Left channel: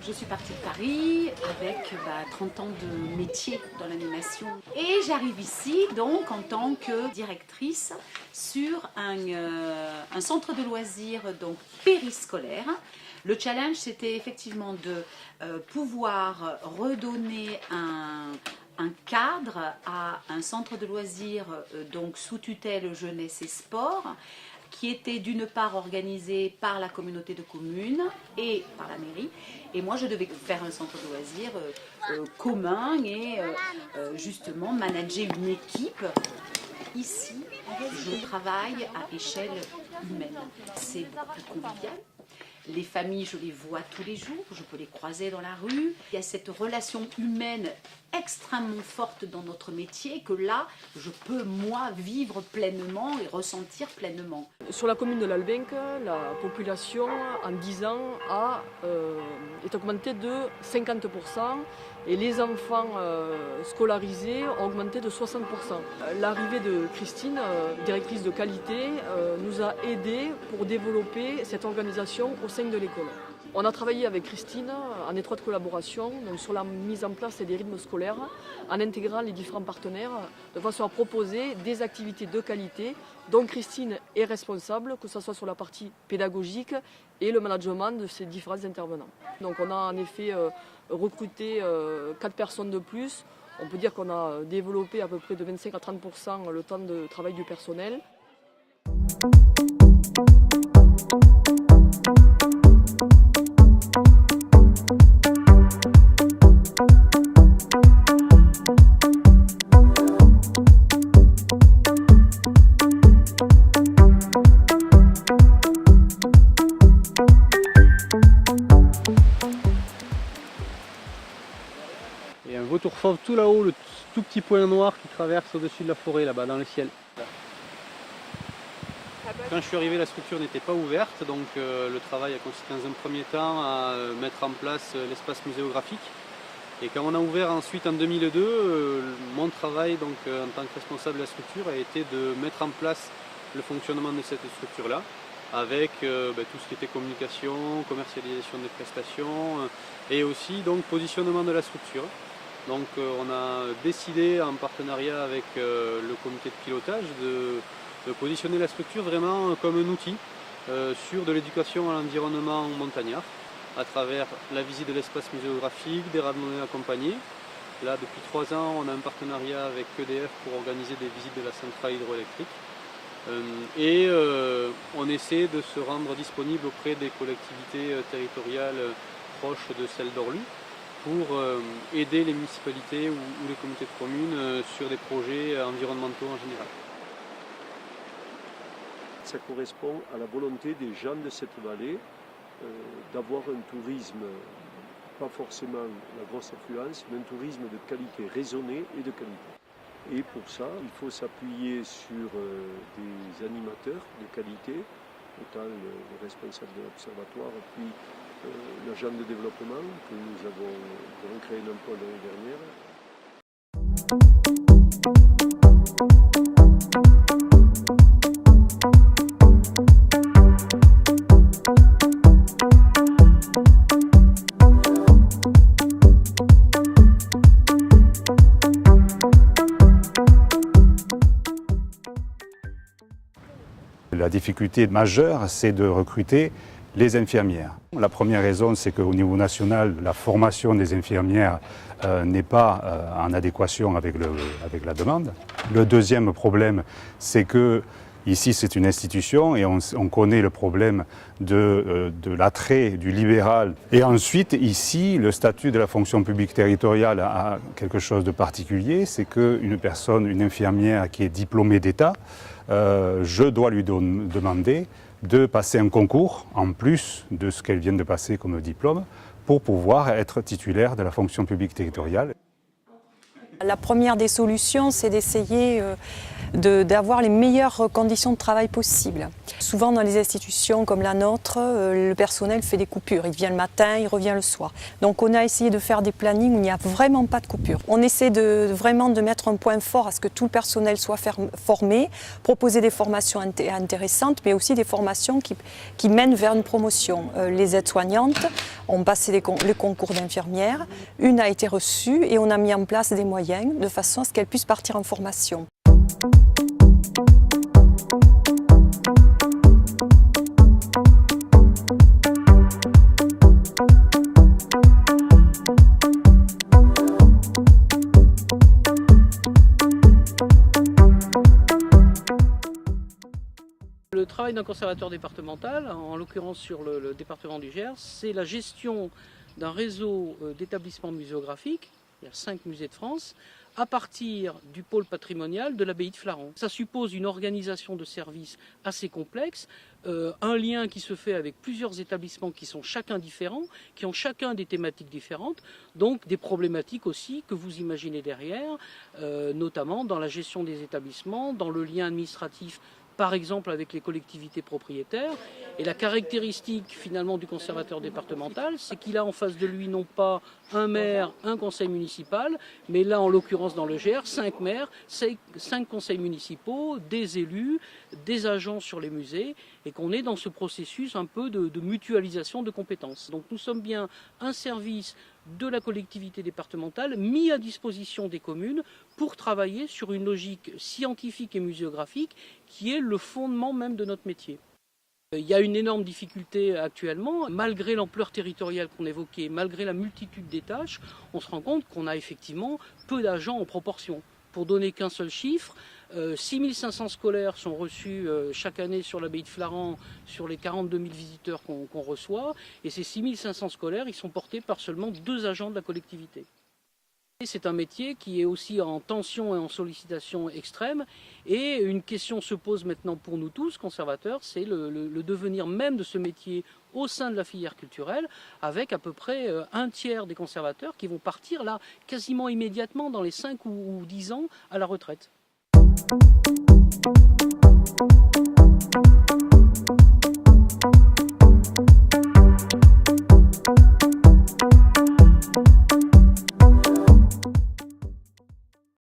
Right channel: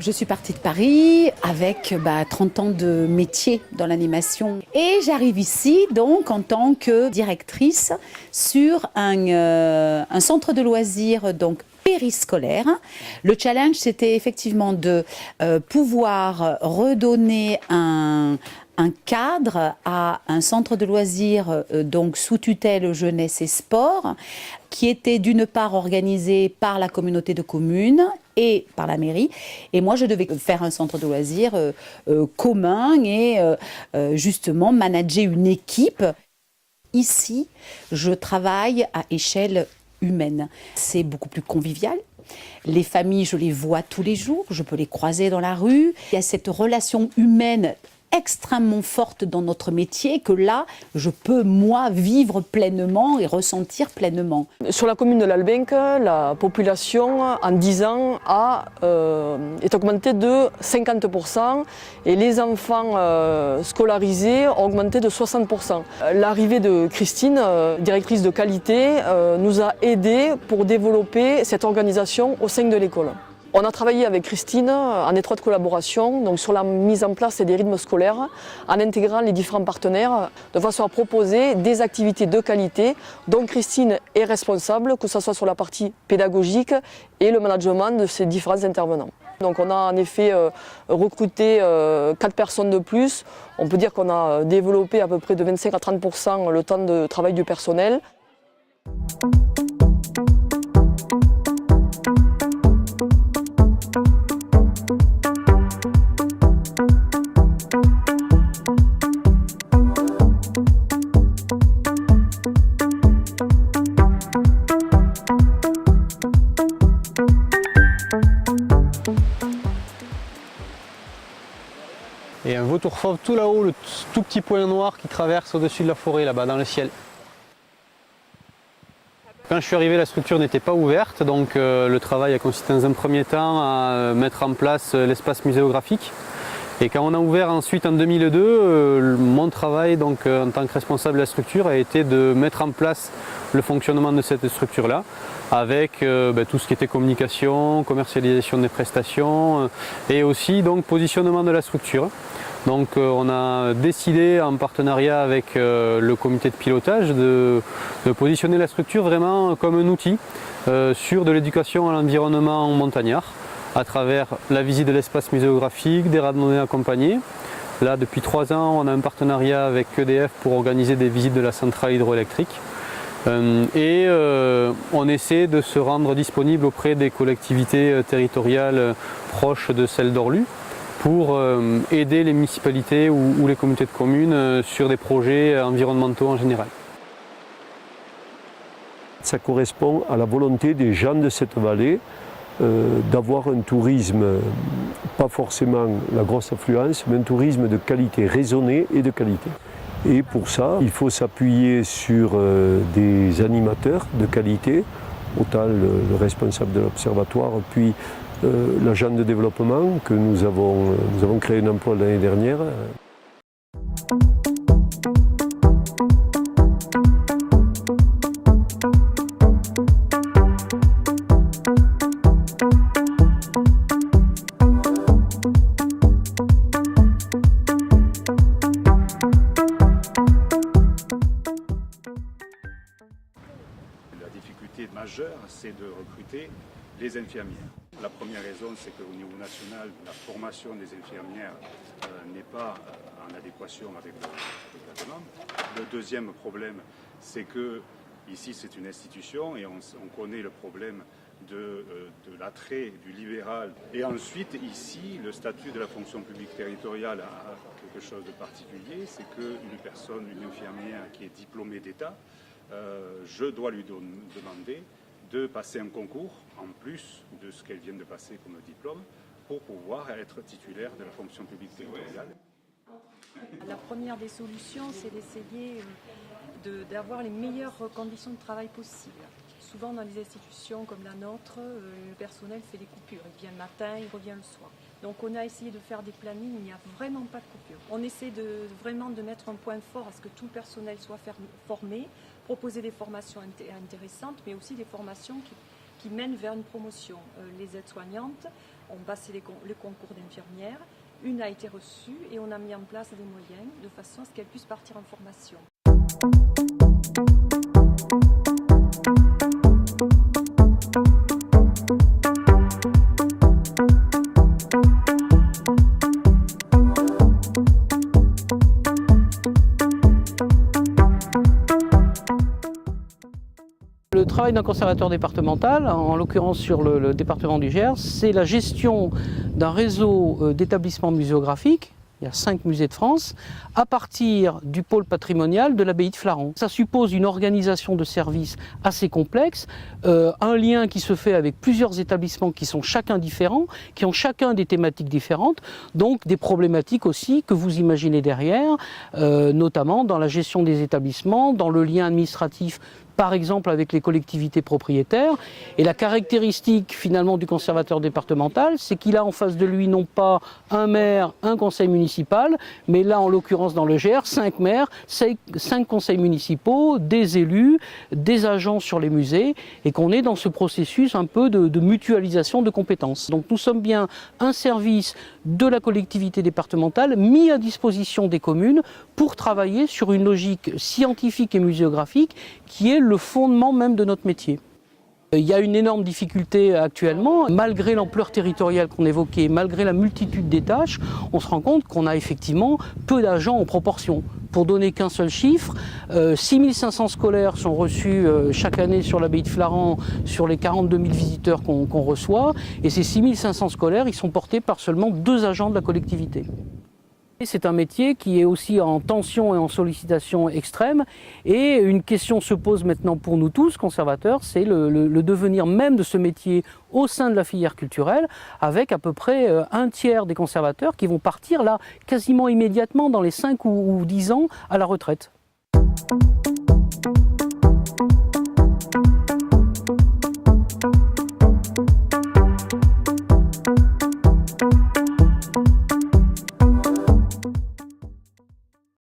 Je suis partie de Paris avec 30 ans de métier dans l'animation et j'arrive ici donc en tant que directrice sur un centre de loisirs donc périscolaire. Le challenge c'était effectivement de pouvoir redonner un cadre à un centre de loisirs donc sous tutelle jeunesse et sport qui était d'une part organisé par la communauté de communes et par la mairie. Et moi, je devais faire un centre de loisirs commun et justement manager une équipe. Ici, je travaille à échelle humaine. C'est beaucoup plus convivial. Les familles, je les vois tous les jours, je peux les croiser dans la rue. Il y a cette relation humaine extrêmement forte dans notre métier que là, je peux, moi, vivre pleinement et ressentir pleinement. Sur la commune de l'Albenque, la population, en 10 ans, est augmentée de 50% et les enfants scolarisés ont augmenté de 60%. L'arrivée de Christine, directrice de qualité, nous a aidés pour développer cette organisation au sein de l'école. On a travaillé avec Christine en étroite collaboration donc sur la mise en place des rythmes scolaires en intégrant les différents partenaires de façon à proposer des activités de qualité dont Christine est responsable, que ce soit sur la partie pédagogique et le management de ces différents intervenants. Donc on a en effet recruté 4 personnes de plus. On peut dire qu'on a développé à peu près de 25 à 30% le temps de travail du personnel. Et un vautour fauve tout là-haut, le tout petit point noir qui traverse au-dessus de la forêt, là-bas, dans le ciel. Quand je suis arrivé, la structure n'était pas ouverte, donc le travail a consisté dans un premier temps à mettre en place l'espace muséographique. Et quand on a ouvert ensuite en 2002, mon travail donc, en tant que responsable de la structure a été de mettre en place le fonctionnement de cette structure-là, avec tout ce qui était communication, commercialisation des prestations et aussi donc, positionnement de la structure. Donc on a décidé en partenariat avec le comité de pilotage de positionner la structure vraiment comme un outil sur de l'éducation à l'environnement montagnard à travers la visite de l'espace muséographique, des randonnées accompagnées. Là depuis 3 ans on a un partenariat avec EDF pour organiser des visites de la centrale hydroélectrique. On essaie de se rendre disponible auprès des collectivités territoriales proches de celles d'Orlu pour aider les municipalités ou les communautés de communes sur des projets environnementaux en général. Ça correspond à la volonté des gens de cette vallée d'avoir un tourisme, pas forcément la grosse affluence, mais un tourisme de qualité, raisonné et de qualité. Et pour ça, il faut s'appuyer sur des animateurs de qualité, autant le responsable de l'observatoire, puis l'agent de développement que nous avons créé un emploi l'année dernière. La difficulté majeure, c'est de recruter les infirmières. La première raison, c'est qu'au niveau national, la formation des infirmières n'est pas en adéquation avec la demande. Le deuxième problème, c'est que ici, c'est une institution et on connaît le problème de l'attrait du libéral. Et ensuite, ici, le statut de la fonction publique territoriale a quelque chose de particulier, c'est qu'une personne, une infirmière qui est diplômée d'État, je dois lui demander de passer un concours en plus de ce qu'elle vient de passer comme diplôme pour pouvoir être titulaire de la fonction publique territoriale. La première des solutions, c'est d'essayer d'avoir les meilleures conditions de travail possibles. Souvent dans les institutions comme la nôtre, le personnel fait des coupures. Il vient le matin, il revient le soir. Donc on a essayé de faire des plannings où il n'y a vraiment pas de coupure. On essaie vraiment de mettre un point fort à ce que tout le personnel soit formé, proposer des formations intéressantes, mais aussi des formations qui mènent vers une promotion. Les aides-soignantes ont passé les concours d'infirmières, une a été reçue et on a mis en place des moyens de façon à ce qu'elles puissent partir en formation. Le travail d'un conservateur départemental, en l'occurrence sur le département du Gers, c'est la gestion d'un réseau d'établissements muséographiques. Il y a 5 musées de France, à partir du pôle patrimonial de l'abbaye de Flaran. Ça suppose une organisation de services assez complexe, un lien qui se fait avec plusieurs établissements qui sont chacun différents, qui ont chacun des thématiques différentes, donc des problématiques aussi que vous imaginez derrière, notamment dans la gestion des établissements, dans le lien administratif par exemple avec les collectivités propriétaires. Et la caractéristique finalement du conservateur départemental, c'est qu'il a en face de lui non pas un maire, un conseil municipal, mais là en l'occurrence dans le Gers, 5 maires, 5 conseils municipaux, des élus, des agents sur les musées, et qu'on est dans ce processus un peu de mutualisation de compétences. Donc nous sommes bien un service de la collectivité départementale mis à disposition des communes pour travailler sur une logique scientifique et muséographique qui est le fondement même de notre métier. Il y a une énorme difficulté actuellement, malgré l'ampleur territoriale qu'on évoquait, malgré la multitude des tâches, on se rend compte qu'on a effectivement peu d'agents en proportion. Pour donner qu'un seul chiffre, 6500 scolaires sont reçus chaque année sur l'abbaye de Flaran, sur les 42 000 visiteurs qu'on reçoit, et ces 6500 scolaires, ils sont portés par seulement 2 agents de la collectivité. C'est un métier qui est aussi en tension et en sollicitation extrême, et une question se pose maintenant pour nous tous, conservateurs, c'est le devenir même de ce métier au sein de la filière culturelle, avec à peu près un tiers des conservateurs qui vont partir là quasiment immédiatement dans les 5 ou 10 ans à la retraite.